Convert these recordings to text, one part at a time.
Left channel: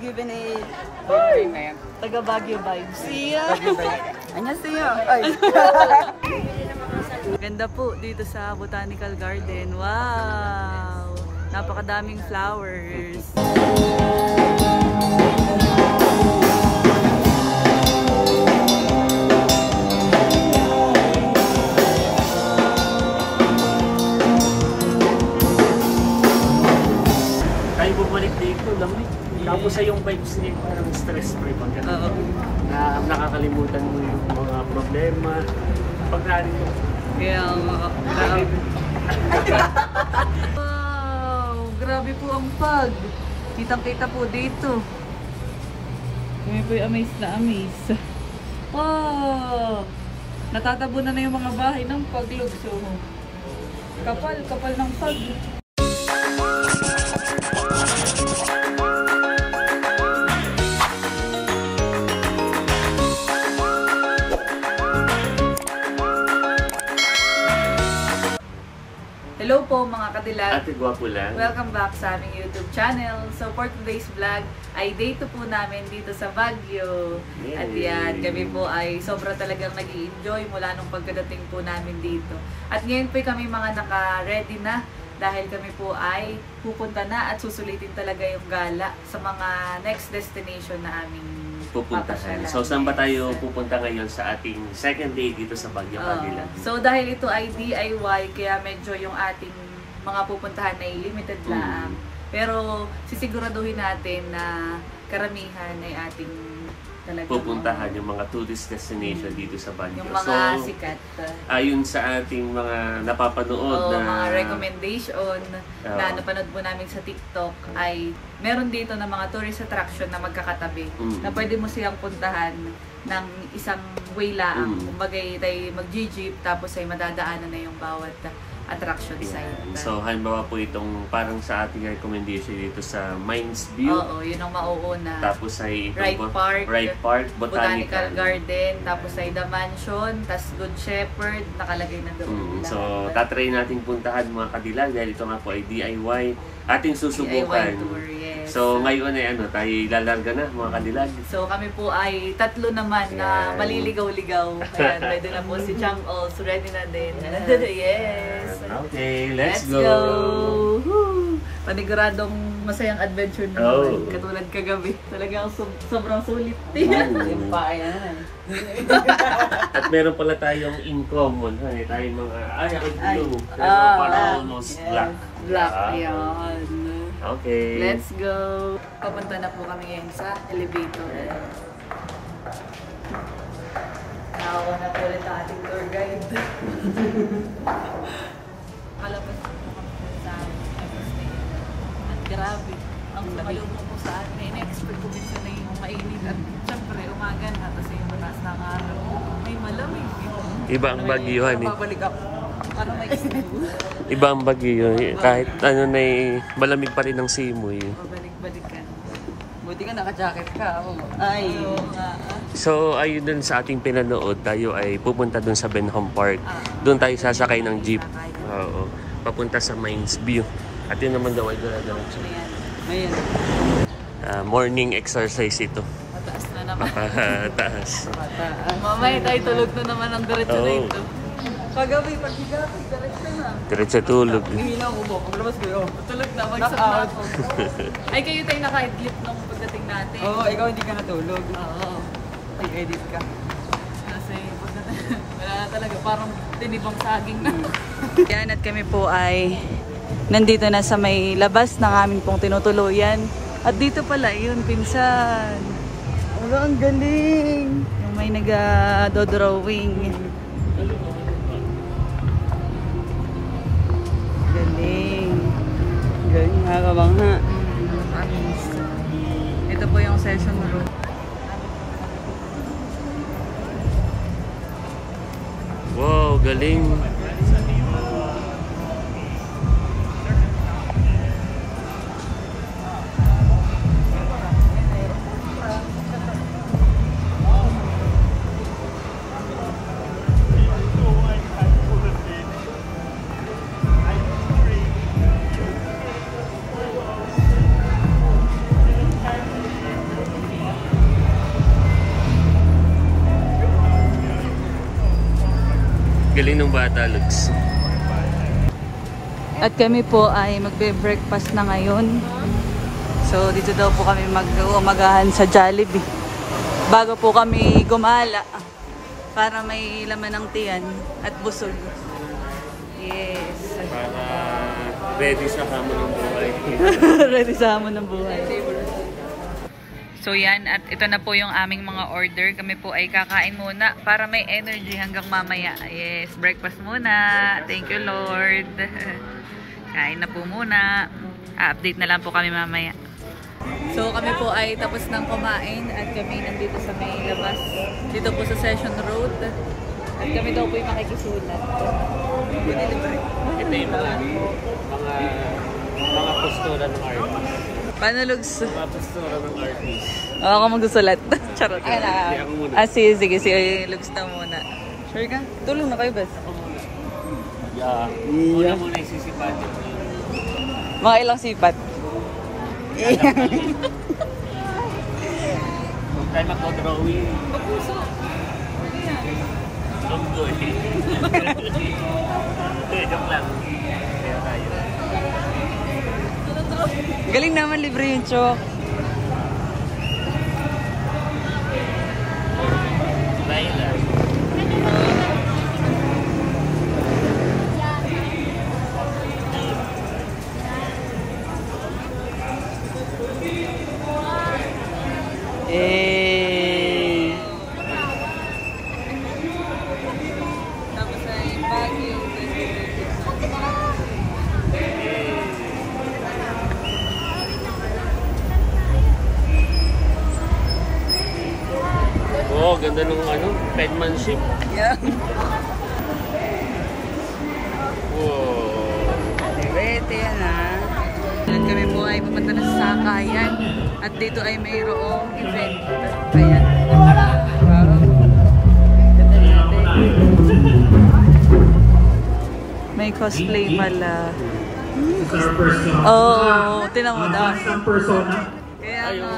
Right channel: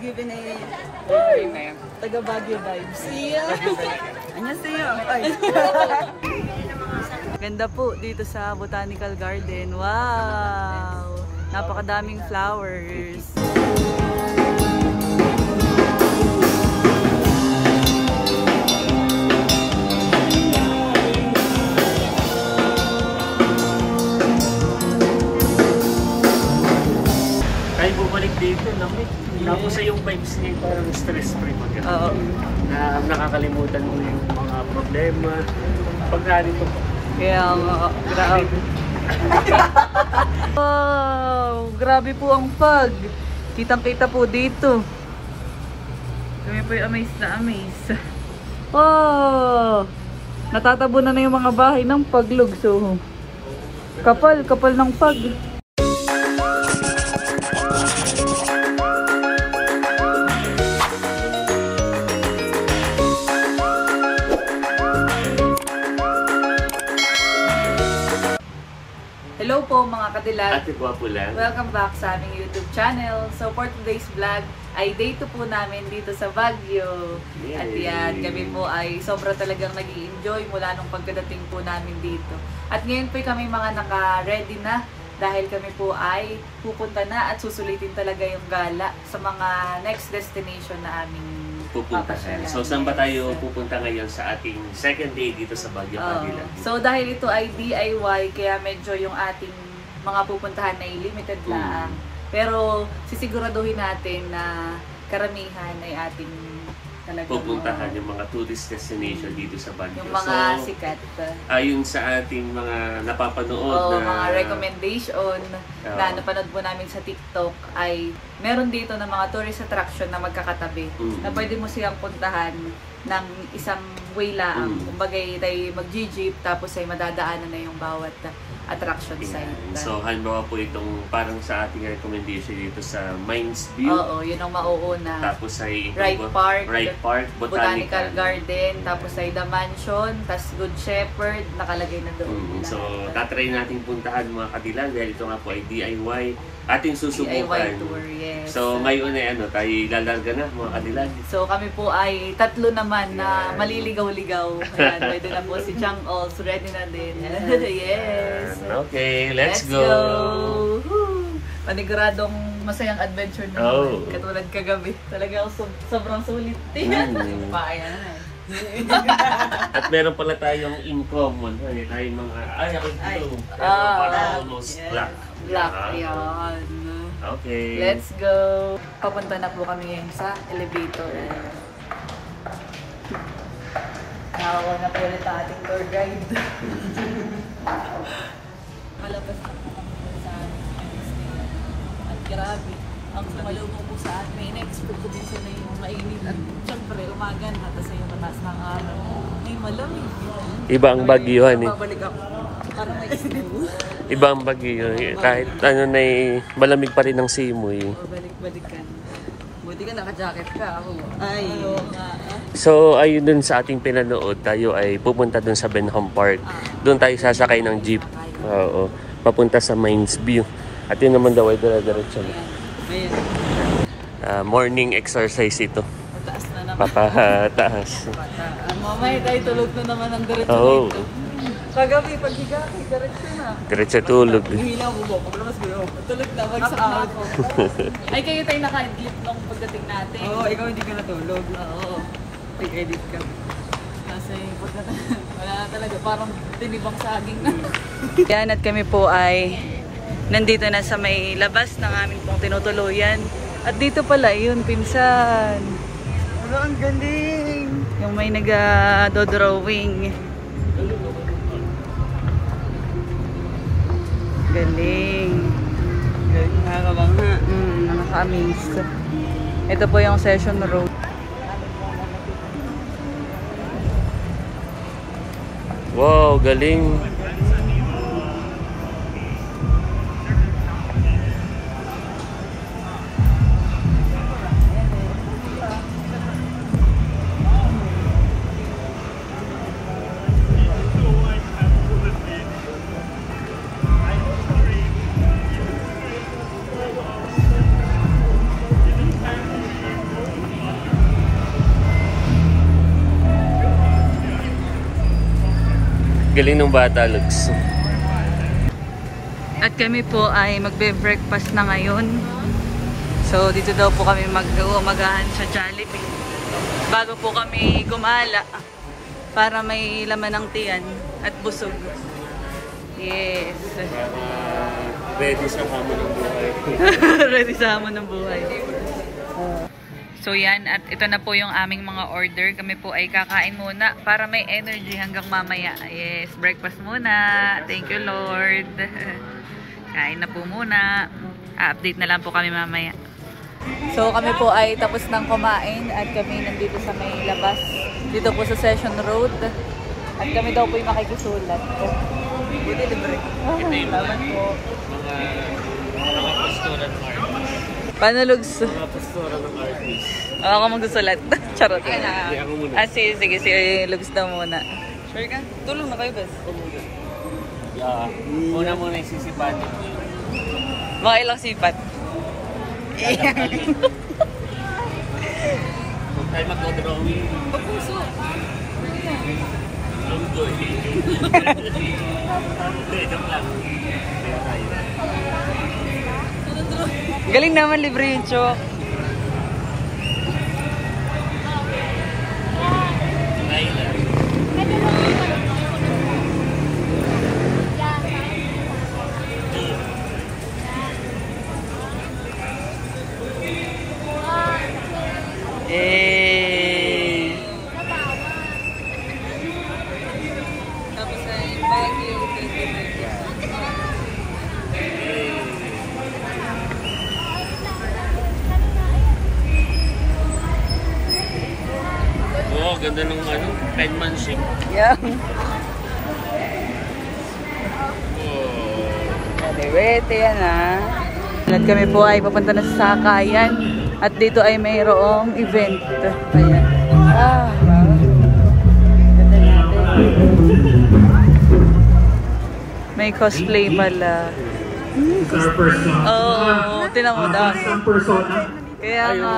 given a taga Baguio vibes. Iya. Annyeonghaseyo. Ganda po dito sa Botanical Garden. Wow! Napakadaming flowers. Tayo bumalik dito, lamig. Tapos sa yung vibes niya parang stress-free mag na nakakalimutan mo yung mga problema. Pagkari ito. Kaya grabe. Wow! Grabe po ang fog. Kitang-kita po dito. Kami po yung amaze na amaze. Wow! Natatabunan na yung mga bahay ng paglog. So, kapal ng fog. Hello po mga kadilag. Ate Gwapo lang. Welcome back sa aming YouTube channel. So for today's vlog ay day 2 po namin dito sa Baguio. Yay. At yan, kami po ay sobra talagang nag-i-enjoy mula nung pagkadating po namin dito. At ngayon po kami mga naka-ready na dahil kami po ay pupunta na at susulitin talaga yung gala sa mga next destination na aming pupuntahan. So saan ba tayo pupunta ngayon sa ating second day dito sa Baguio, Cadillac? So dahil ito ay DIY, kaya medyo yung ating mga pupuntahan ay limited lang. Pero sisiguraduhin natin na karamihan ay ating talagang pupuntahan yung mga tourist destination dito sa Baguio. Yung mga sikat. Ayon sa ating mga napapanood na mga recommendation na napanood po namin sa TikTok ay meron dito na mga tourist attraction na magkakatabi na pwede mo siyang puntahan ng isang way lang. Kumbaga tayo mag-jeep tapos ay madadaanan na yung bawat attraction site. So, halimbawa po itong parang sa ating recommendation dito sa Mines View. Oo, yun ang mauuna. Tapos ay Wright Park, Botanical Garden, tapos ay The Mansion, tas Good Shepherd, nakalagay na doon. So, tatry nating puntahan mga kadilag dahil ito nga po ay DIY. Ating susubukan. DIY tour, yes. So, ngayon ay tayo lalarga na mga kadilag. So, kami po ay tatlo naman na maliligaw-ligaw. Ayan, ready na po si Chang Ols, ready na din. Yes. Okay, let's go. Woo! Paniguradong masayang adventure na naman. Katulad kagabi. Talagang sobrang sulit. Yung paay na At meron pala tayong in common. Tayong mga, blue. Parang almost black. Black, ayan. Okay. Let's go. Papunta na po kami ngayon sa elevator. Nakawa na po ulit ang ating tour guide. Kalabas na po kami sa Disney. At grabe, ang sumalubong po sa atin. In-expect ko din sila yung mainit. At syempre, umaga na. Tapos yung mataas ng araw. Ay, malamig. Iba ang Baguiohan eh. Babalik ako. Parang may snow. Iba ang Baguio. Kahit ano na malamig pa rin ang simoy. Balik-balikan. Buti ka naka-jacket ka. Ay, So, ayun dun sa ating pinanood, tayo ay pupunta dun sa Benham Park. Doon tayo sasakay ng jeep. Oo. Papunta sa Mines View. At yun naman daw ay dire-diretso. Morning exercise ito. Mataas na naman. Papataas. Mamaya tayo tulog na naman ang diretso na ito. Kagabi, pag-jacket, diretso na. Diretso tulog. Hilaw ko ba? Paglabas ko, tulog na, bagsak na ako. Ay, kayo tayo naka-edit nung pagdating natin. Oo, ikaw hindi ka natulog. Oo. Nag-edit ka. Kasi wala na talaga, parang tinibang saging na. Yan, at kami po ay nandito na sa may labas ng amin pong tinutuluyan. At dito pala, yun, pinsan. Ang galing! Yung may nag-dodrawing. Galing. Galing nga lang. Nakaka-amaze. Ito po yung Session Road. Wow, galing. Galing ng bata, Lugs. At kami po ay magbe-breakfast na ngayon. So dito daw po kami mag-umagahan sa Jollibee. Bago po kami gumala para may laman ng tiyan at busog. Yes. Para ready sa hamon ng buhay. Ready sa hamon ng buhay. So yan, at ito na po yung aming mga order. Kami po ay kakain muna para may energy hanggang mamaya. Yes, breakfast muna. Thank you, Lord. Kain na po muna. Update na lang po kami mamaya. So kami po ay tapos ng kumain at kami nandito sa may labas. Dito po sa Session Road. At kami daw po yung makikisulat. Buti libre. Ito yung laman po. Mga postura ng artist. Paano, Lugs? Mga postura ng artist. Ako magsusulat. Charot. Hindi ako muna. Sige. Si Lugs na muna. Sure ka? Tulong na kayo, bes. Yeah. Una muna isisipatin mo yung... Mga ilang sipat. Kung tayo mag-drawing. Papuso. Lunggoy. Joke lang. Kaya tayo. Galing naman, libre yung chok. Laila. Tapos ay Baguio 2026. Oo, ganda ng ano, penmanship. Yeah. Wait, yan ah. At kami po ay papunta na sa Sakayan. At dito ay mayroong event. Ayan. Wow. May cosplay pala. Oo, tinan mo daw. Kaya nga.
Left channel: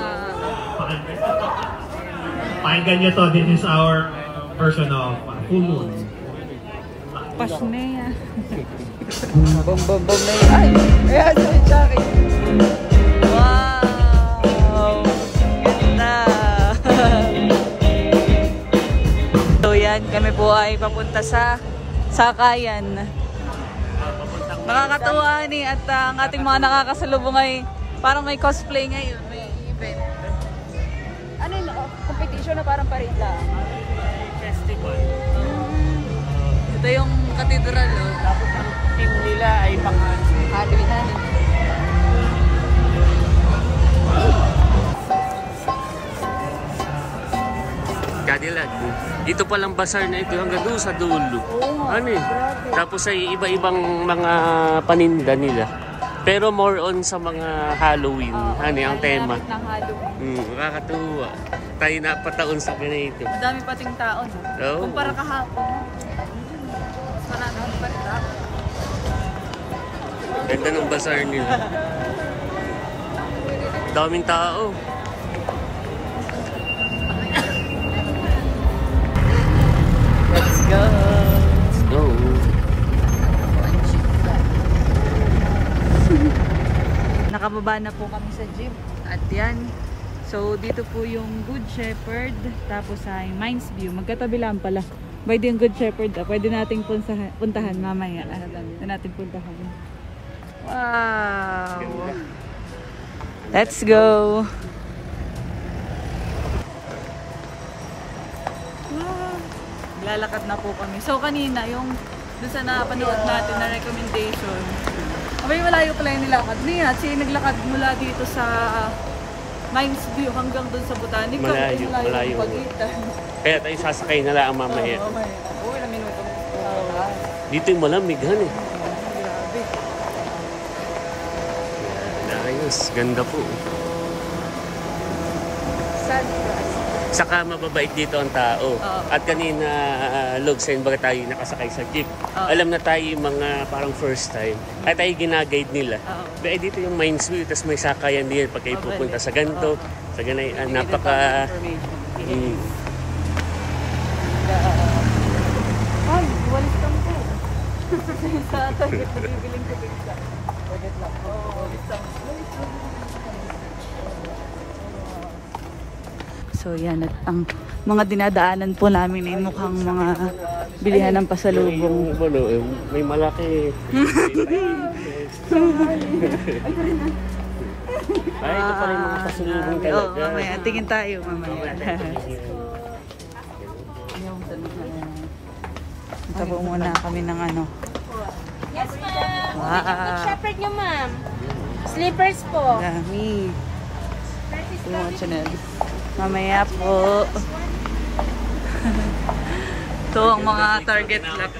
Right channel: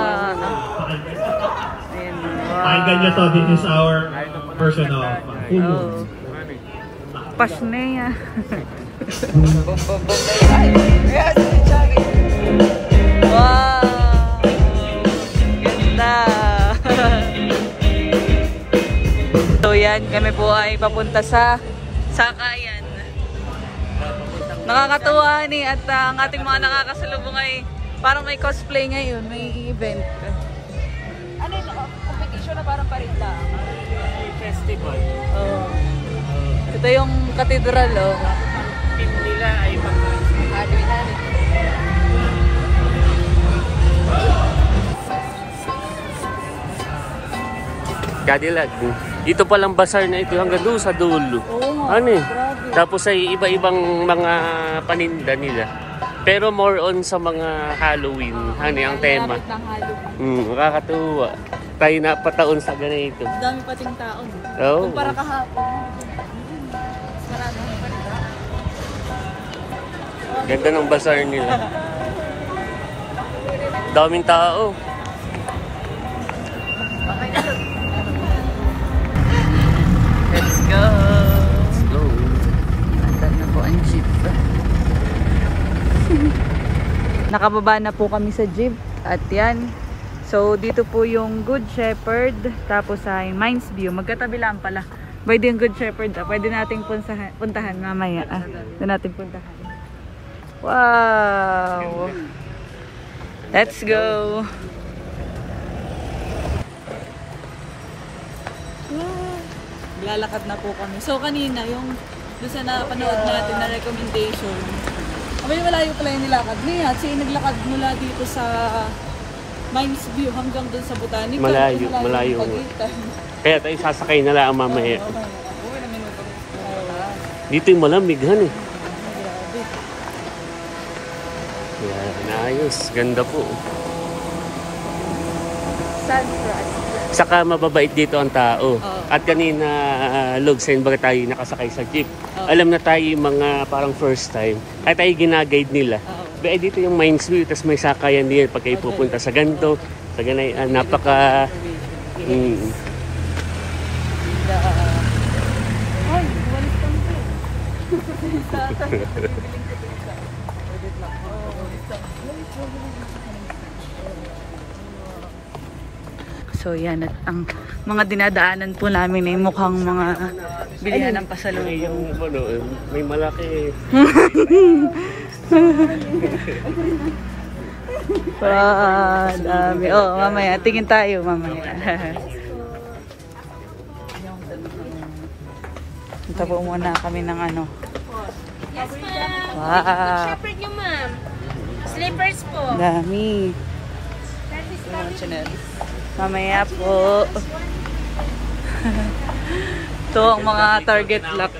Pakinggan niyo to, this is our version of Hulu. Pasneya. Wow! Ganda! So yan, kami po ay papunta sa Sakayan. Nakakatuwa ni at ang ating mga nakakasalubong ay parang may cosplay ngayon, may event. Ano yun? Competition na parang parida? Festival. Oh. Ito yung cathedral, oh. Team nila ay mga... Cadillac. Ito palang bazaar na ito hanggang doon sa dulo. Ano eh? Tapos ay iba-ibang mga paninda nila. Pero more on sa mga Halloween. Ano ang tema? Nakakatuwa. Tayo napataon sa ganito. Madami pating tao. Oh. Kumpara kahapon. Marami pa rin tao. Ganda ng bazaar nila. Daming tao. Let's go! Let's go. Nakababa na po kami sa jeep. At yan. So, dito po yung Good Shepherd. Tapos ay Mines View. Magkatabi lang pala. Pwede yung Good Shepherd. Pwede nating puntahan mamaya. Pwede nating puntahan. Wow! Let's go! Wow! Lalakad na po kami. So, kanina, yung doon sa napanood natin na recommendation, may malayo pala yung nilakad niya. Kasi naglakad mula dito sa Mines View hanggang doon sa Botanical. Malayo. Yung pagitan. Kaya tayo sasakay na lang mamaya. Oo, mamaya. Uy, na minuto. Dito yung malamighan eh. Grabe. Yan, ayos. Ganda po. Saka mababait dito ang tao. At kanina, Lugsen, baga tayo nakasakay sa jeep. Alam na tayo yung mga parang first time. Ay tayo ginaguide nila. Dahil dito yung Mines View, tapos may sakayan nila pag kayo pupunta sa ganito. Sa ganay, napaka... Ay, walis kami. So yan, at ang mga dinadaanan po namin ay mukhang mga bilihan ng pasalubong. May malaki. Dami. Oh, mamaya. Tingin tayo mamaya. Punta po muna kami ng ano. Yes, ma'am. Wow. Shepherd nyo, ma'am. Slippers po. Dami. Mamaya po. Ito ang mga target lock.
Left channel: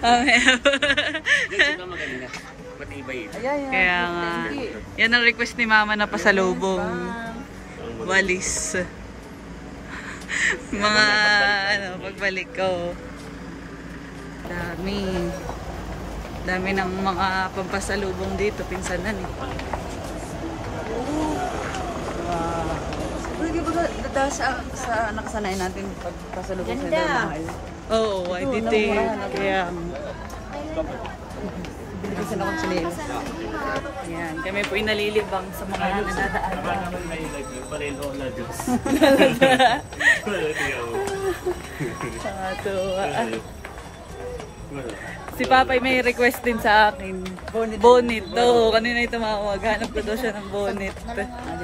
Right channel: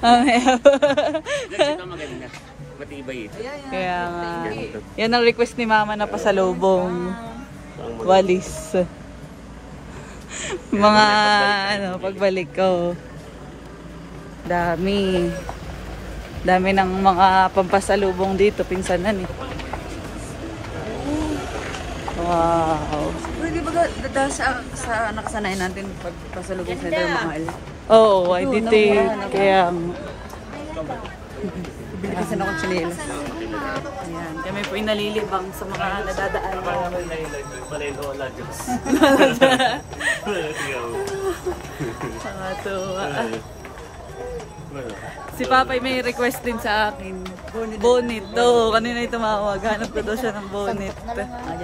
Mamaya po. Kaya nga. Yan ang request ni mama na pasalubong. Walis. Mga ano, pagbalik ko. Dami. Dami ng mga pampasalubong dito. Pinsanan eh. Wow. Pwede ba dahil sa nakasanayan natin pasalubong sa dahil? Oo, I did. Kaya Kasi nakasanayan. ayan, kami po inalilibang sa mga nadadaan namin. Nakatuwa. Si Papay may request din sa akin. Bonnet. Oo, kanina yung tumawag. Hanap ko daw siya ng bonnet.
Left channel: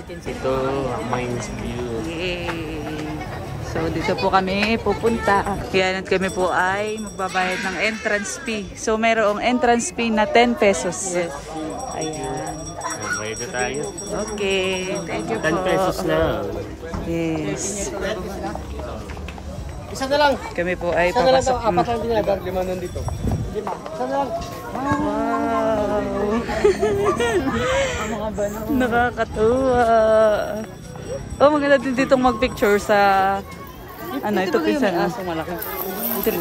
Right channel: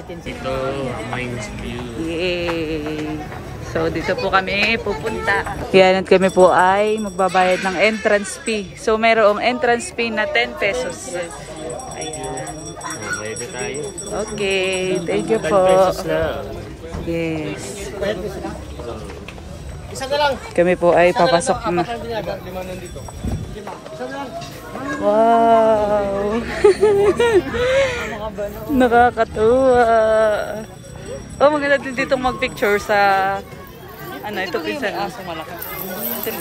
Ito, minus Yay! So, dito po kami pupunta. Yan, at kami po ay magbabayad ng entrance fee. So, mayroong entrance fee na 10 pesos. Ayan. Bayad na tayo. Okay, thank you 10 po. pesos lang. Yes. Kami po ay papasok na. Wow! Nakakatuwa. Oh, maganda din ditong magpicture sa ano, ito pinsan.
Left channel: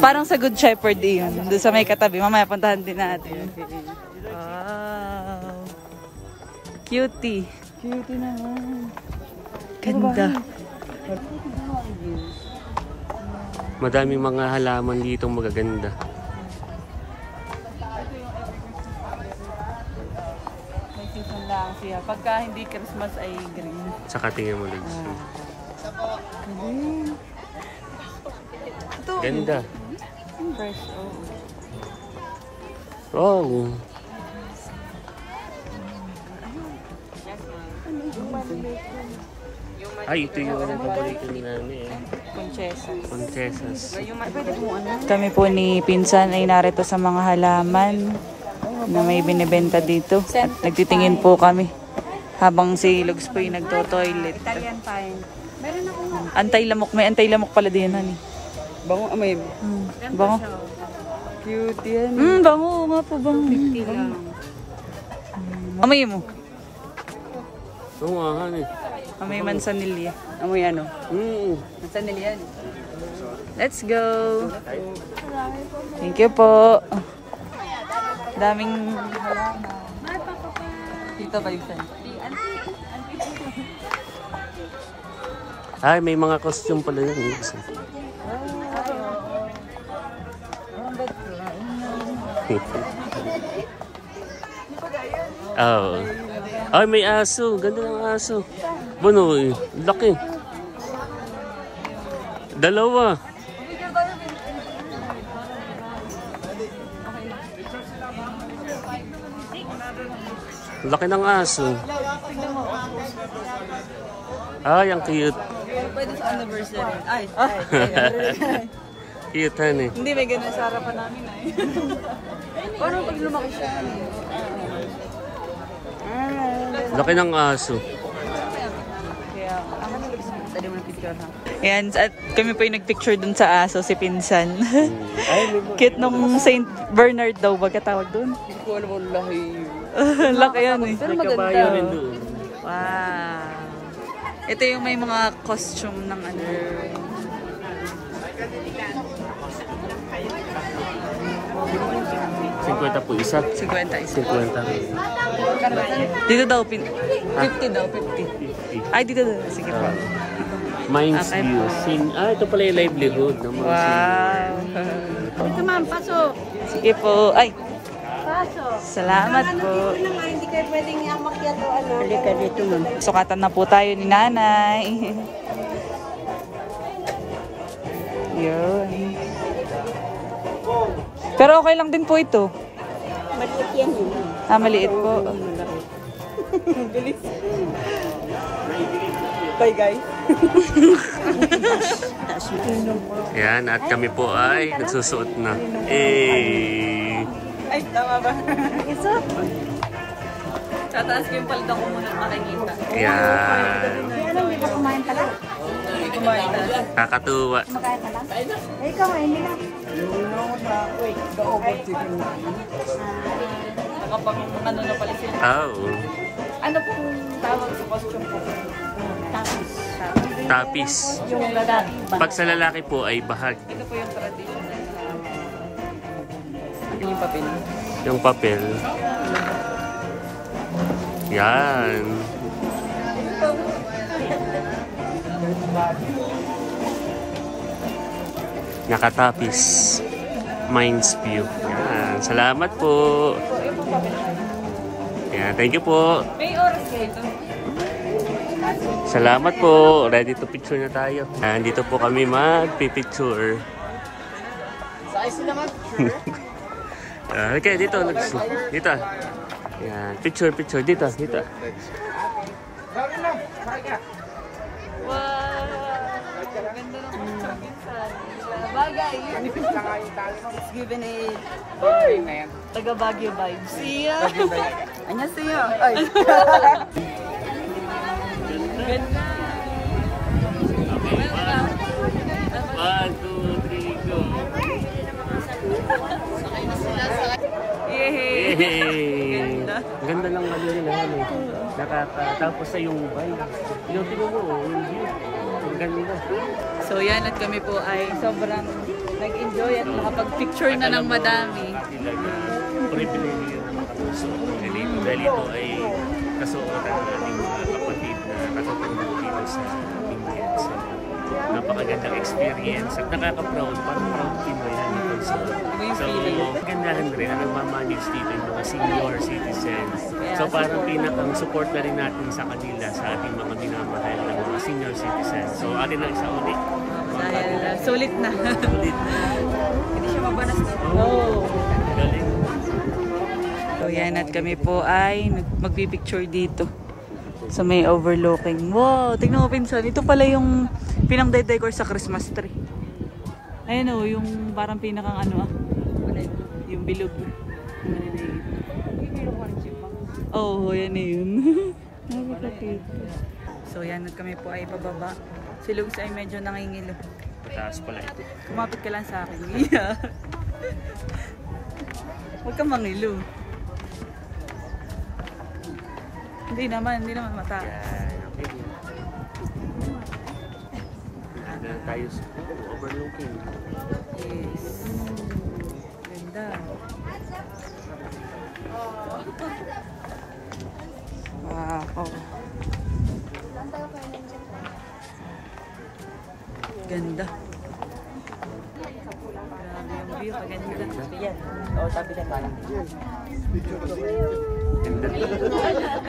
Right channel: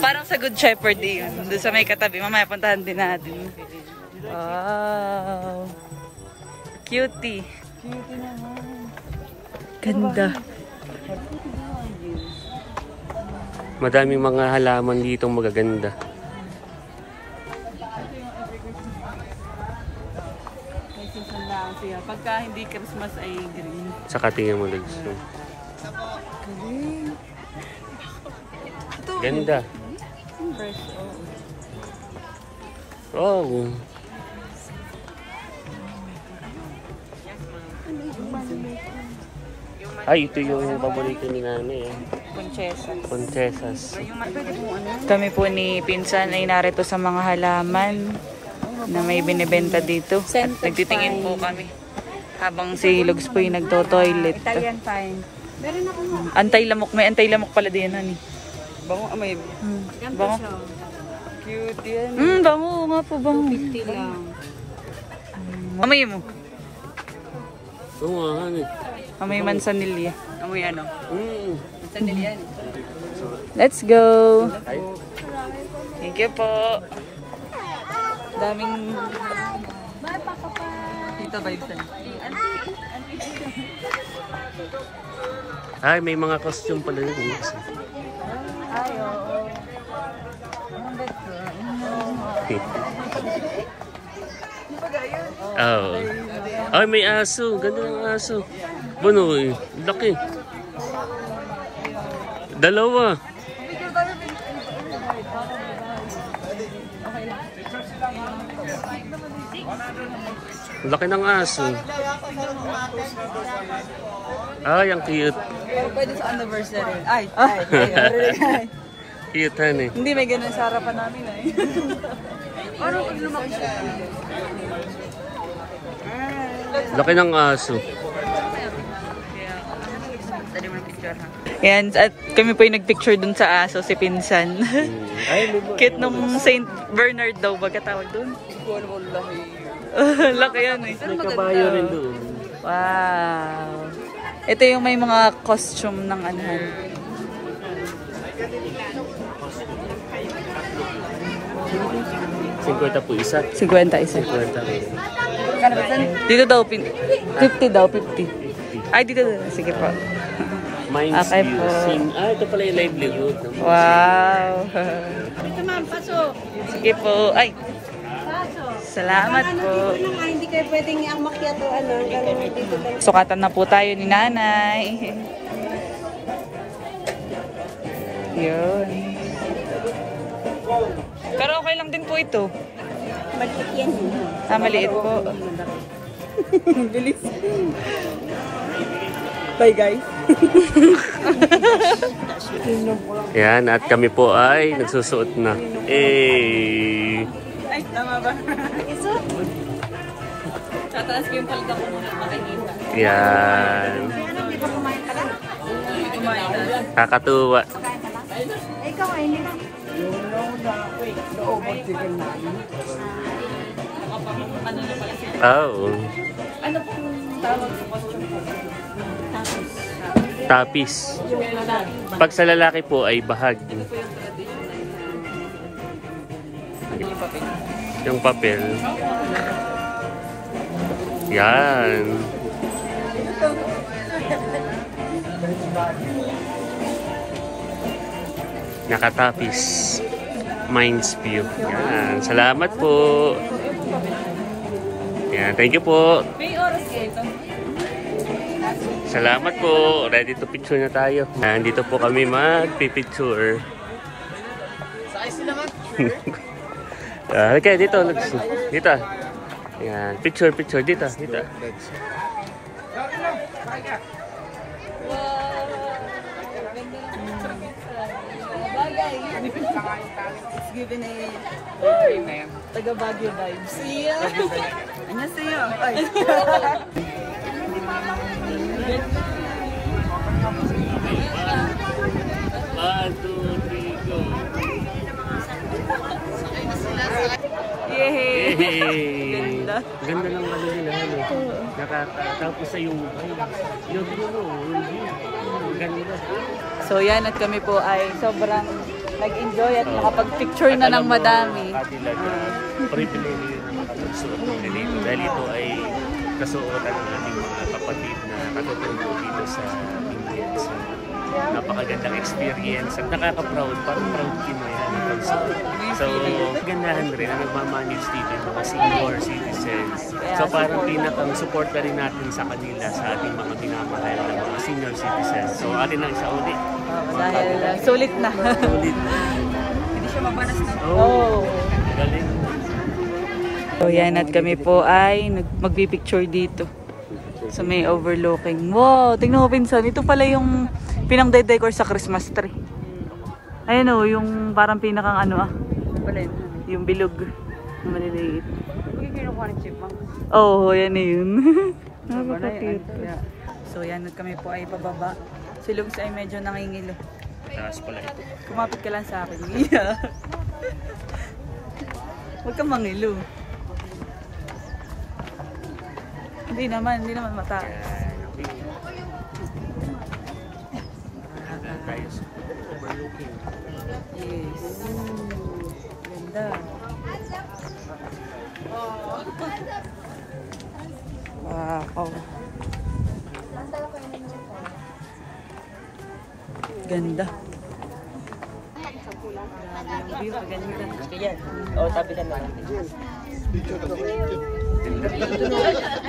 Parang sa Good Shepherd yun. Doon sa may katabi. Mamaya puntahan din natin. Wow! Cutie. Cutie naman. Ganda. Madaming mga halaman dito magaganda. May season lang siya. Pagka hindi Christmas ay green. Saka tingnan mo lang. Ganda. Oh. Ay, ito yung paborito ni nanay. Conchesa. Conchesas. Kami po ni Pinsan ay narito sa mga halaman na may binibenta dito. At nagtitingin po kami habang si Lugs po yung nagto-toilet. Antay-lamok. May antay-lamok pala din yan. Bango, may Bango. cute yan. Bango nga po. Bango. Amoy mo. Oo nga, honey. Amoy mansanilya. Amoy ano? Isa nila yan. Let's go. Thank you po. Daming Dito ba yun? Ay, may mga costume pala yun. Oh. Ay, may aso. Ganda ng aso. Bunoy. Laki. Dalawa. Laki ng aso. Ay, ang cute. Pwede sa anniversary. Ay. Cute, honey. Hindi may ganun sa harapan namin ay. Ano pag lumaki sa Laki ng aso. Ayan, at kami po yung nagpicture dun sa aso, si Pinsan. Cute nung Saint Bernard daw, baga tawag dun. Hindi ko alam ang laki. Laki yan eh. May kabayo rin doon. Wow. Ito yung may mga costume ng ano. $50 po isa. 50 isa. 50. Dito daw, 50 daw, 50. Ay, dito daw. Sige po. Minds Okay view. po. Ito pala yung livelihood. Wow. ma'am, pasok. Sige po. Ay, salamat po. Hindi kayo pwedeng iakyat o ano. Sukatan na po tayo ni nanay. Yun. Pero okay lang din po ito. Maliit yan yun. Maliit po. Bilis. Bye guys. Yan, at kami po ay nagsusuot na. Ay, tama ba? Tataas ko yung palda ko muna at makikita. Yan. Kakatuwa. Ano na pala sila? Oh. Ano pong tawag sa costume po? Tapis. Yung lalaki. Pag sa lalaki po ay bahag. Ito po yung traditional na yung papel. Yung papel. Yan. Nakatapis. Mind's View. Yan. Salamat po. Yan. Thank you po. May oras kayo ito? Salamat po. Ready to picture na tayo. Dito po kami magpipicture. Okay, dito. Dito. Yan. Picture. Dito. Wow! Ganda ng picture minsan. Bagay. It's given a taga Baguio vibes. Yeah. Anya siya. Ay. Ganda. 1, 2, 3, go. Yay! Ganda. Ganda ng ano nila. Nakakatapos sa yung vibes. Yung tingnan mo, yung view. Ganda. So yan, at kami po ay sobrang nag-enjoy at nakapag-picture na ng madami. At talaga, privilege na makapagsuot ng ganito. Dahil ito ay kasuotan ng ating mga kapatid na katutubo dito sa Benguet. So, napakagandang experience at nakaka-proud, parang proud Pinoy na pagsuot. So, gandahan rin na nagmamanage dito yung mga senior citizens. So, parang pinakang support na rin natin sa kanila, sa ating mga minamahal na mga senior citizens. So, atin ang isa ulit. Dahil sulit na. Hindi siya mabanas na. Oh, galing. So yan, at kami po ay magpipicture dito. So may overlooking. Wow, tingnan mo pinsan. Ito pala yung pinang-decor sa Christmas tree. Ayun o, yung parang pinakang ano yung bilog. Maliliit. Oo, yan na yun. Napaka-cute. So yan, at kami po ay pababa. Si Lugs ay medyo nangingilo. Pataas pala ito. Kumapit ka lang sa akin. Yeah. Huwag kang mangilo. Hindi naman mataas. Okay. Tayo sa overlooking. Yes. Ganda. Wow. Ganda. Grabe yung view, paganda. Oo, sabi na naman.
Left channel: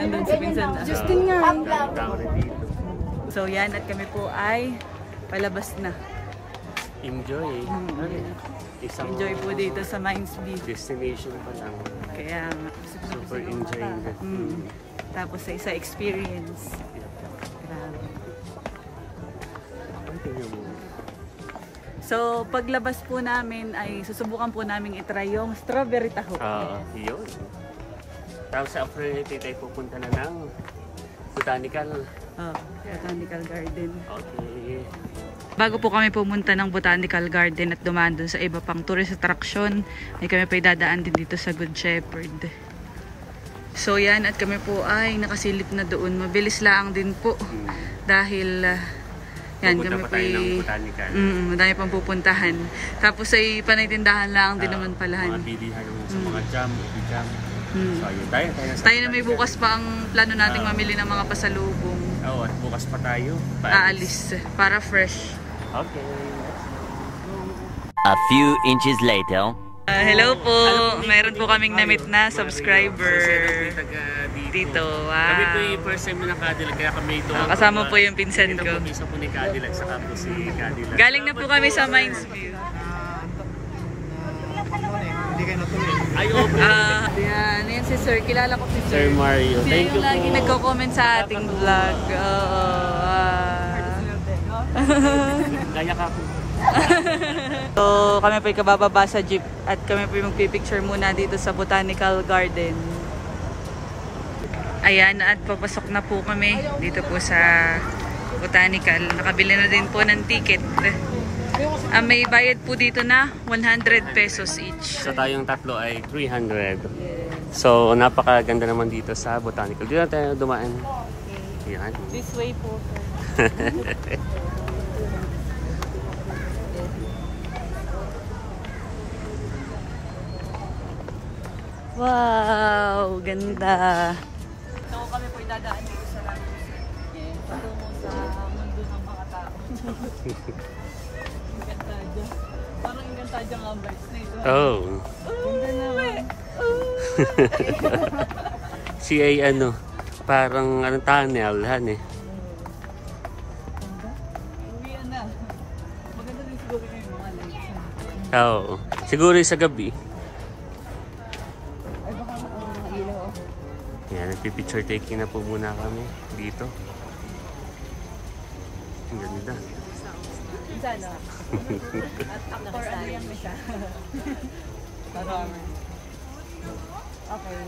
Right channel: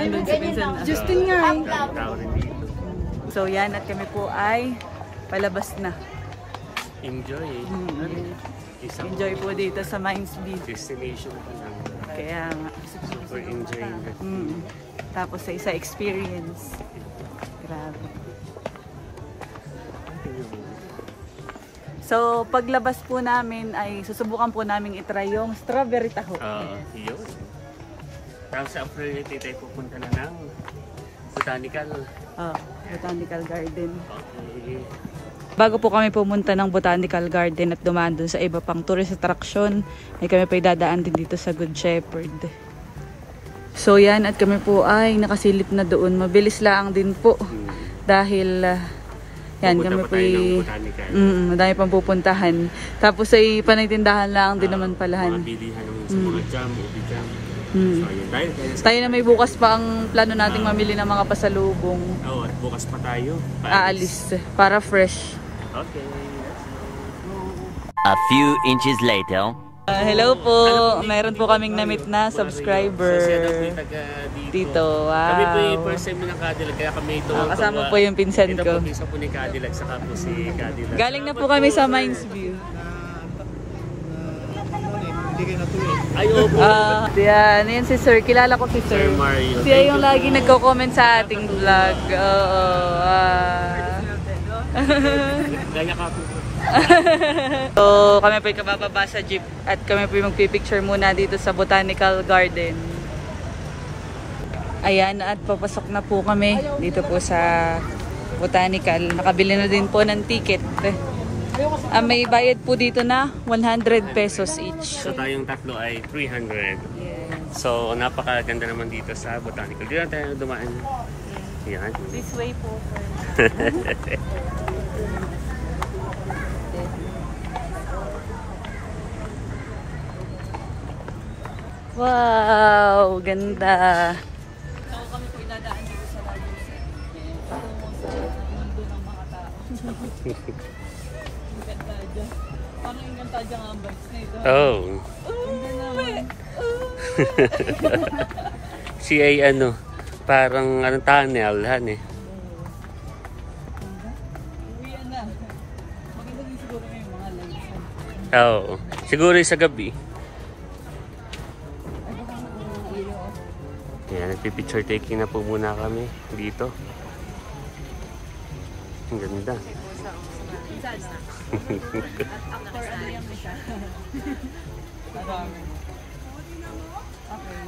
Nandun si Pinsan na. Justin nga eh. Daming tao rin dito. So yan, at kami po ay palabas na. Enjoy. Isang Enjoy po dito sa Mind's View. destination pa lang. Kaya nga. Super enjoy. Tapos sa isa experience. Grabe. So paglabas po namin ay susubukan po namin itry yung strawberry taho. Yun. Tapos sa after nito tayo pupunta na ng botanical. Botanical Garden. Okay. Bago po kami pumunta ng Botanical Garden at dumaan dun sa iba pang tourist attraction, ay kami pa dadaan din dito sa Good Shepherd. So yan, at kami po ay nakasilip na doon. Mabilis lang din po. Dahil yan, kami po madami pang pupuntahan. Tapos ay panagtindahan lang din naman palahan. Mga bilihan sa mga jam, ubi jam. So ayun, tayo na may bukas pa ang plano nating mamili ng mga pasalubong. At bukas pa tayo. Aalis para fresh. Okay. A few inches later. Hello po. Meron po kaming na-meet na subscriber dito. Wow. Kami po yung first time ng Cadillac, kaya kami ito. Kasama po yung pinsan Ito ko. po isa po ni Cadillac, saka po si Cadillac. Galing na po kami sa Mines View. Ay, opo. Yan si Sir. Kilala ko si Sir. Sir Mario. Siya yung lagi nagko-comment sa ating vlog. Gaya ka po. So, kami po kabababa sa jeep at kami po magpipicture muna dito sa Botanical Garden. Ayan, at papasok na po kami dito po sa Botanical. Nakabili na din po ng ticket. May bayad po dito na 100 pesos each. So tayong tatlo ay 300. So napakaganda naman dito sa Botanical. Dito na tayo dumaan. Yan. This way po, sir. Wow, ganda. So kami po idadaan dito sa Lagos. Tungo sa mundo ng mga tao. Encantadia. Parang Encantadia nga ang vibes na ito. Oh. Si ay ano, parang anong tunnel, han eh. Uwian na. Maganda din siguro yung mga lights. Oo. Siguro yung sa gabi. Yan, nagpipicture taking na po muna kami dito. Ang ganda.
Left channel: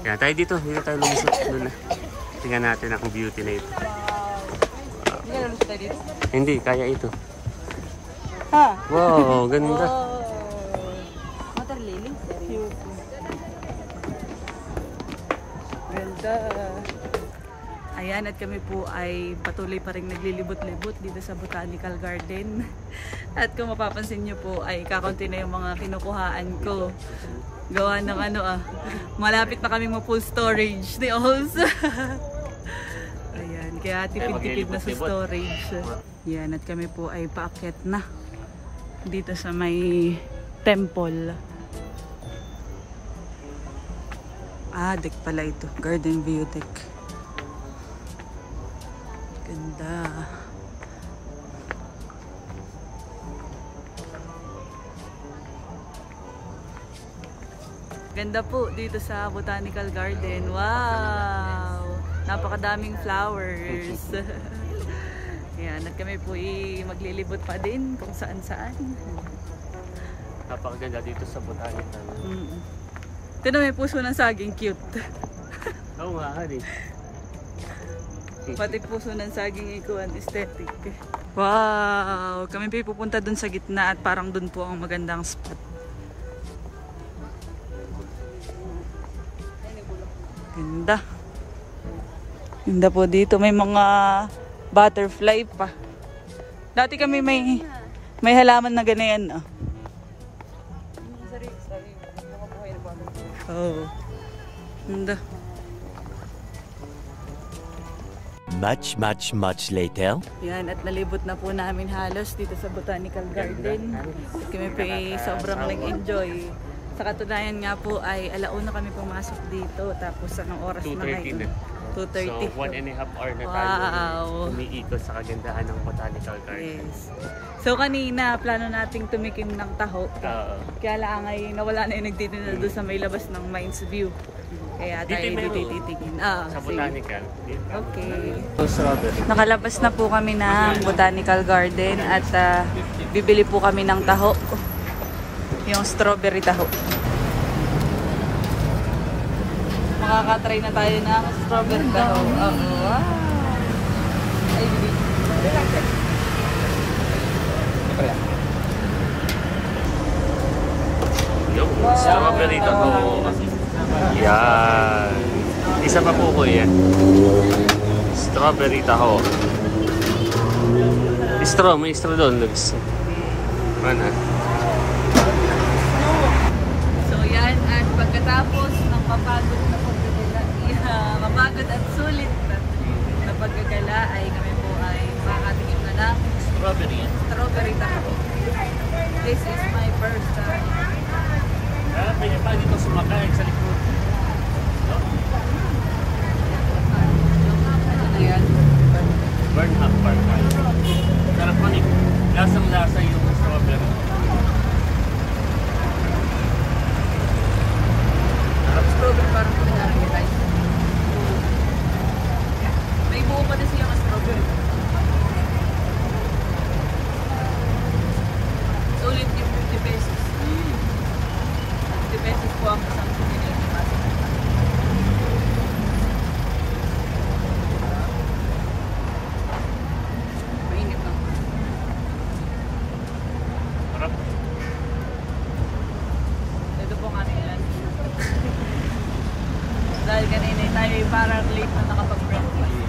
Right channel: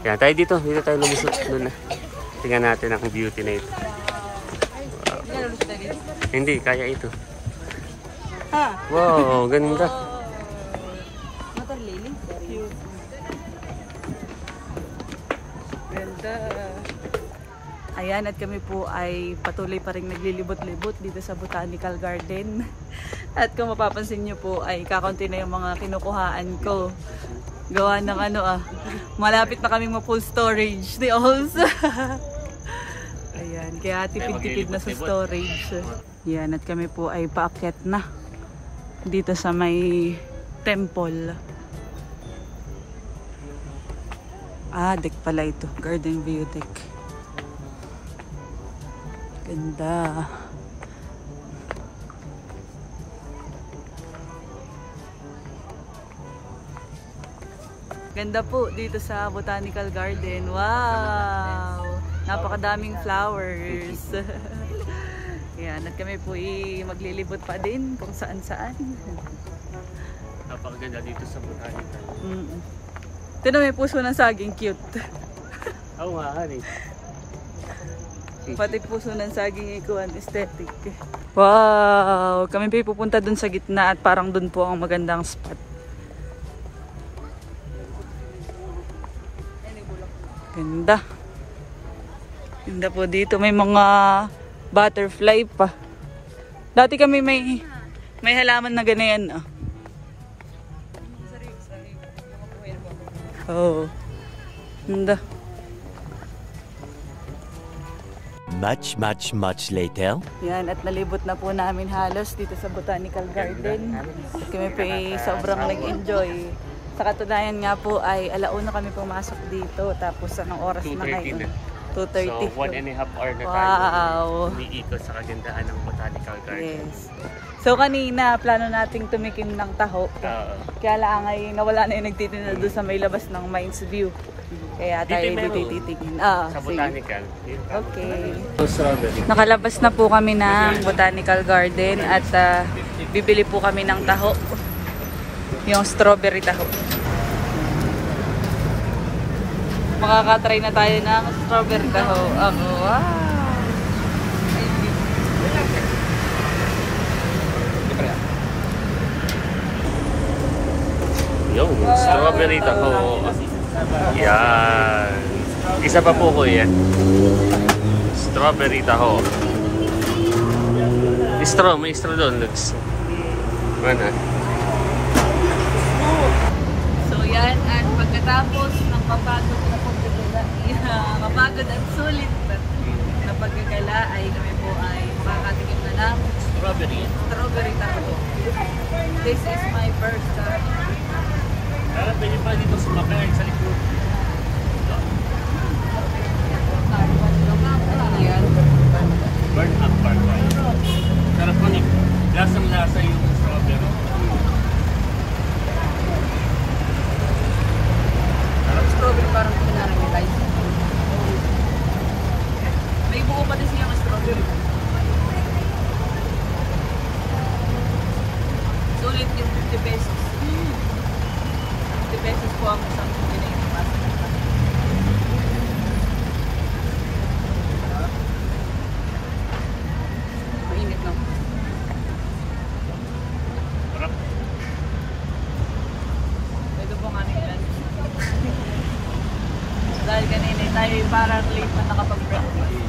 Yan, tayo dito. Dito tayo lumusot doon na. Tingnan natin ang beauty na ito. Wow. Hindi, kaya ito. Wow, ganda. Water lily. Ganda. Ayan, at kami po ay patuloy pa rin naglilibot-libot dito sa Botanical Garden. At kung mapapansin nyo po ay kakaunti na yung mga kinukuhaan ko. Gawa ng malapit na kaming ma-full storage ni Ols. Ayan, kaya tipid-tipid na sa storage. Ayan, at kami po ay paakyat na dito sa may temple. Deck pala ito. Garden view deck. Ganda. Ganda po dito sa Botanical Garden. Wow! Napakadaming flowers. Yan, at kami po maglilibot pa din kung saan-saan. Napakaganda dito sa Botanical. Ito na may puso ng saging, cute. Oo nga, hari. Pati puso ng saging ikuan, aesthetic. Wow! Kami po pupunta dun sa gitna at parang dun po ang magandang spot. Ganda. Ganda po dito. May mga butterfly pa. Dati kami may halaman na ganyan. Oh. Ganda. Much later. Yan, at nalibot na po namin halos dito sa Botanical Garden. At kami po sobrang nag-enjoy. Sa katunayan nga po ay alauna kami pumasok dito. Tapos anong oras na ngayon? 2:30. So 1.5 hour na tayo. Wow! Umiikot sa kagandahan ng Botanical Garden. Yes. So kanina, plano nating tumikim ng taho. Kaya lang ay nawala na yung nagtitinda doon sa may labas ng Mines View. Kaya tayo dito titigin. Sa Botanical. Okay. Nakalabas na po kami ng Botanical Garden at bibili po kami ng taho. Yung strawberry taho. Makakatry na tayo ng strawberry taho. Wow! Yung strawberry taho. Yan. Isa pa po ko yan. Strawberry taho. May straw doon, Lux. Mana? So yan, at pagkatapos ng mapagod na pagdadala, mapagod at sulit na sa paggagala ay kami po ay makakatikim na ng strawberry taho. This is my first time. Pwede pa dito sumakay sa likod. Burnham Park. Sarap man eh. Lasang-lasa yung strawberry. Sarap strawberry parang pinarangitay. May buo pa din siyang strawberry. Sulit yung 50 pesos. 50 pesos po ang isang pinay na pasta. Mainit lang. Sarap. Ito po ang aming lunch. Dahil kanina tayo parang late na nakapag-breakfast.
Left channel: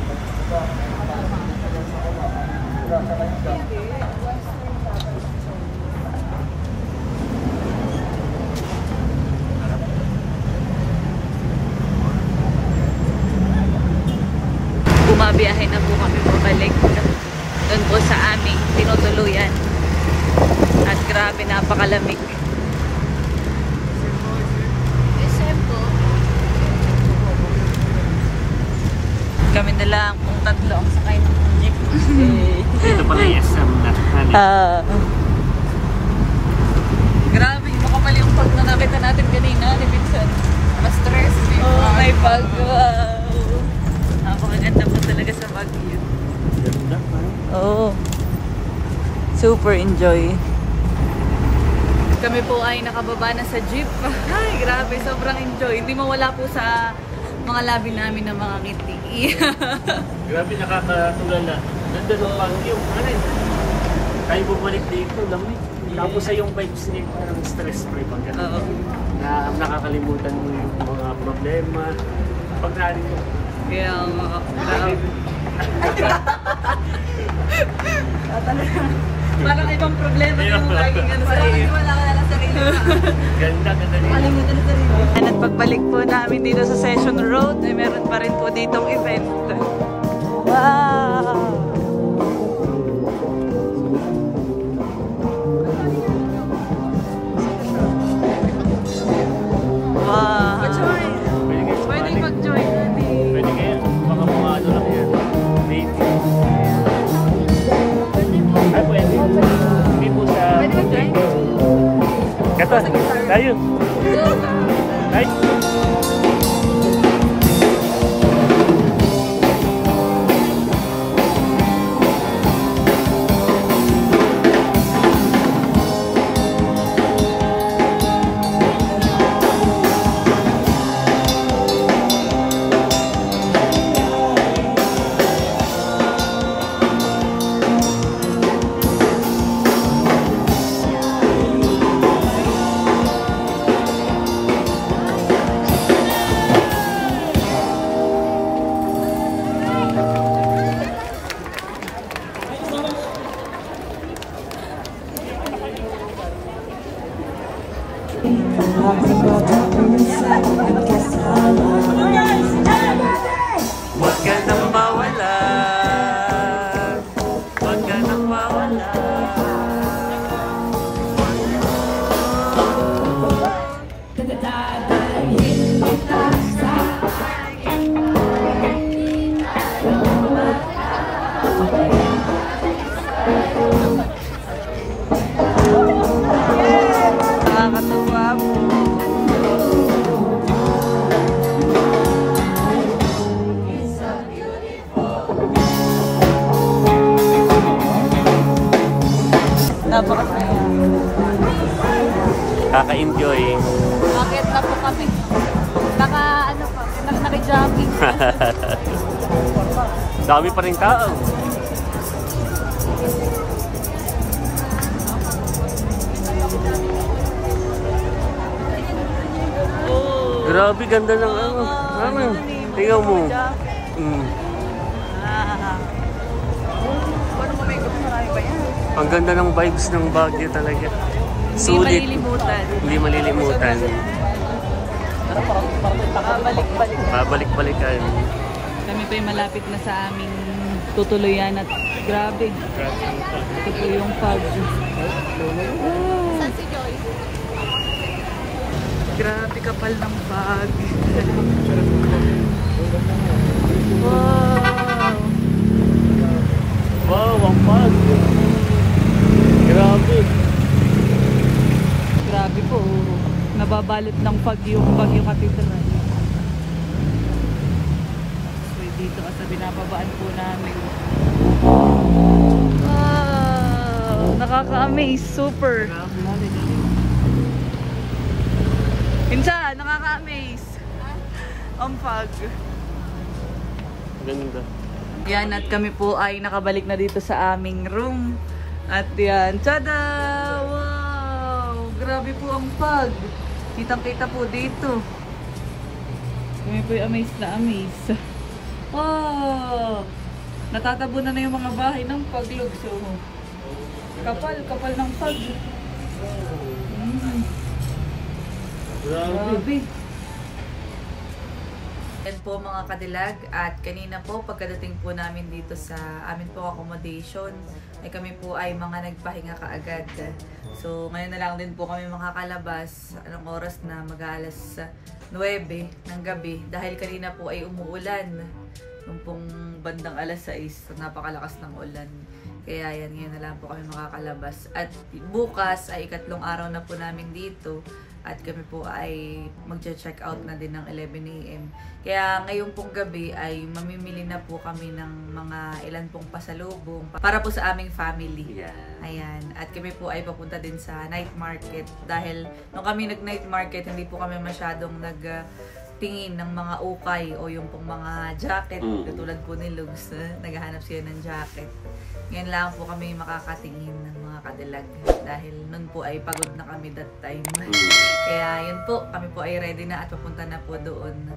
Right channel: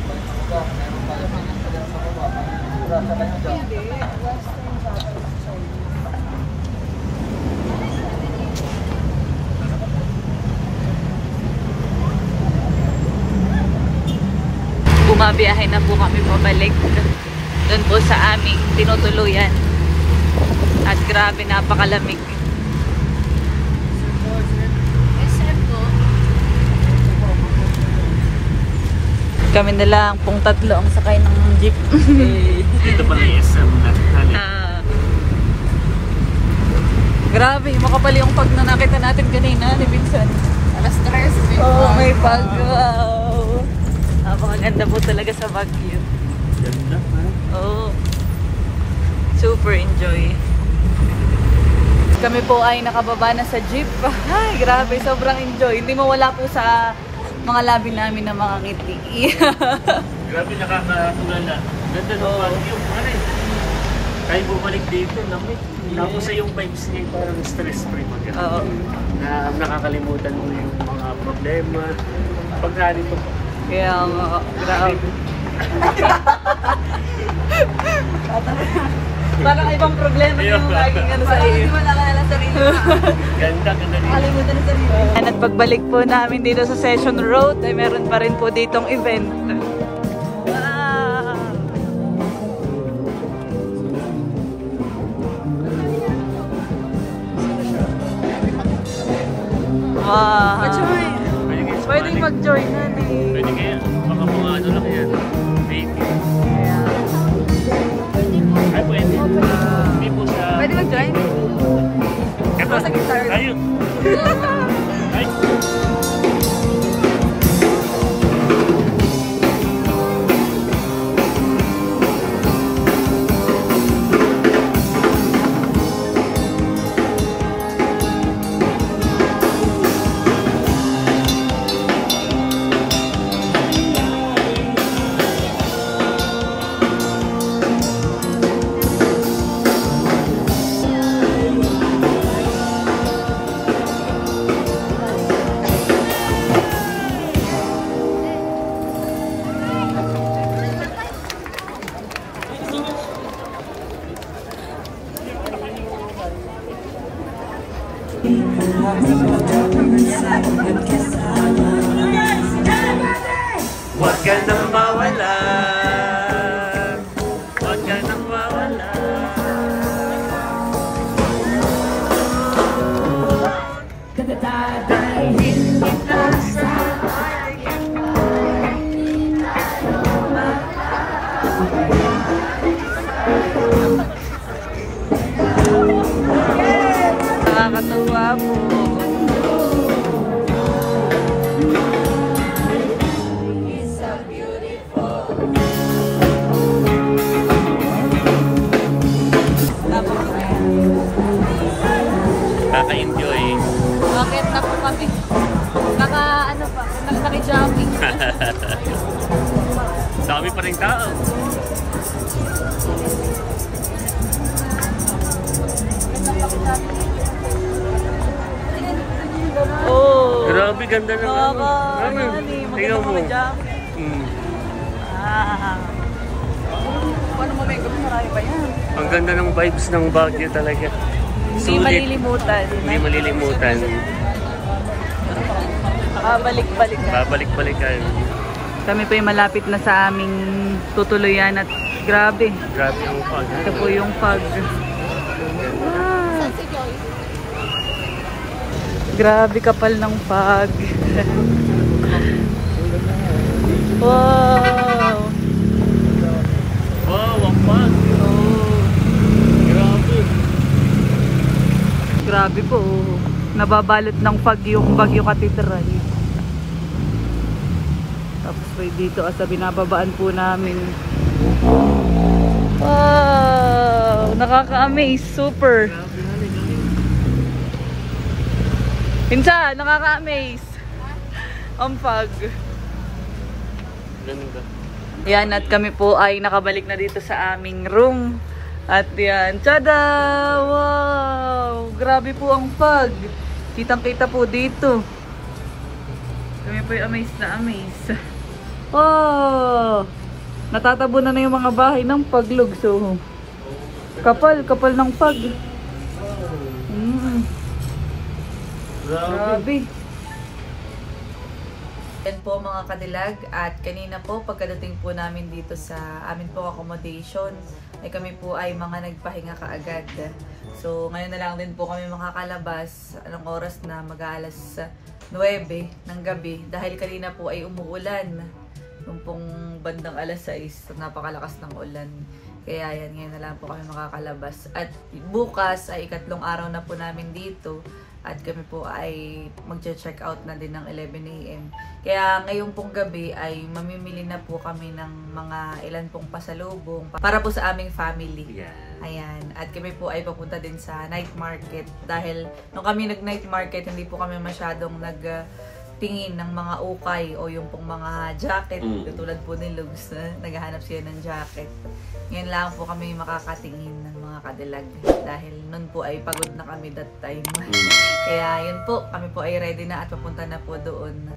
Bumabiyahe na po kami pabalik doon po sa aming tinutuluyan. At grabe, napakalamig. Kami na lang pong tatlo ang sakay ng jeep. Dito pala yung SM natin. Grabe, makapal yung pag na nakita natin kanina ni Minsan. Alas 3. Oh, may paglaw. Napakaganda po talaga sa Baguio. Ganda. Oo. Super enjoy. Kami po ay nakababa na sa jeep. Ay, grabe, sobrang enjoy. Hindi mawala po sa mga labi namin ng mga ngiti. Grabe, nakakatulala. Ganda ng Baguio. Tayo bumalik dito, lamig. Tapos sa yung vibes niya parang stress-free mag na nakakalimutan mo yung mga problema. Pag narito po. Kaya grabe. Parang ibang problema yung laging ano sa sarili. Wala ka na sarili. Ganda dito. At pagbalik po namin dito sa Session Road ay meron pa rin po ditong event. Wow! Wow! Pwedeng mag-join natin. Pwede kaya. Baka mga ano lang yan. Baby. Ay, pwede. Hindi po sa... Pwede mag-join? Eto, tayo. Ay. Huwag ka nang mawala. Huwag ka nang mawala. Nakakatuwa po. Kaka-enjoy. Bakit na po kami? Ano pa? Mas naki-jumping. Dami pa rin tao. Oh. Grabe, ganda ng ano. Ano? Tingnan mo. Ang ganda ng vibes ng Baguio talaga. Hindi malilimutan. Hindi malilimutan. Babalik-balik. Babalik-balikan. Kami po yung malapit na sa aming tutuluyan at grabe. Grabe ang fog. Ito po yung fog. Wow. Grabe kapal ng fog. Wow. Wow, ang fog. Grabe. Grabe po. Nababalot ng fog yung Baguio Cathedral. Tapos po dito sa binababaan po namin. Wow! Nakaka-amaze. Super. Pinsa, nakaka-amaze. Ang fog. Ganun ba? Yan, at kami po ay nakabalik na dito sa aming room. At yan, tada! Wow! Grabe po ang fog. Kitang-kita po dito. Kami po yung amazed na amazed. Wow! Natatabunan na yung mga bahay ng paglog. So, kapal ng fog. Grabe. Yan po mga kadilag, at kanina po pagkadating po namin dito sa amin po accommodation ay kami po ay mga nagpahinga kaagad. So ngayon na lang din po kami makakalabas. Anong oras na? Mag-aalas 9 ng gabi dahil kanina po ay umuulan. Nung pong bandang alas 6, napakalakas ng ulan. Kaya yan, ngayon na lang po kami makakalabas. At bukas ay ikatlong araw na po namin dito. At kami po ay mag-check out na din ng 11 AM. Kaya ngayong pong gabi ay mamimili na po kami ng mga ilan pong pasalubong para po sa aming family. Ayan. At kami po ay papunta din sa night market. Dahil nung kami nag-night market, hindi po kami masyadong nagtingin ng mga ukay o yung pong mga jacket. Katulad po ni Lugs, naghahanap siya ng jacket. Ngayon lang po kami makakatingin ng mga kadilag dahil nun po ay pagod na kami that time. Kaya yun po, kami po ay ready na at papunta na po doon.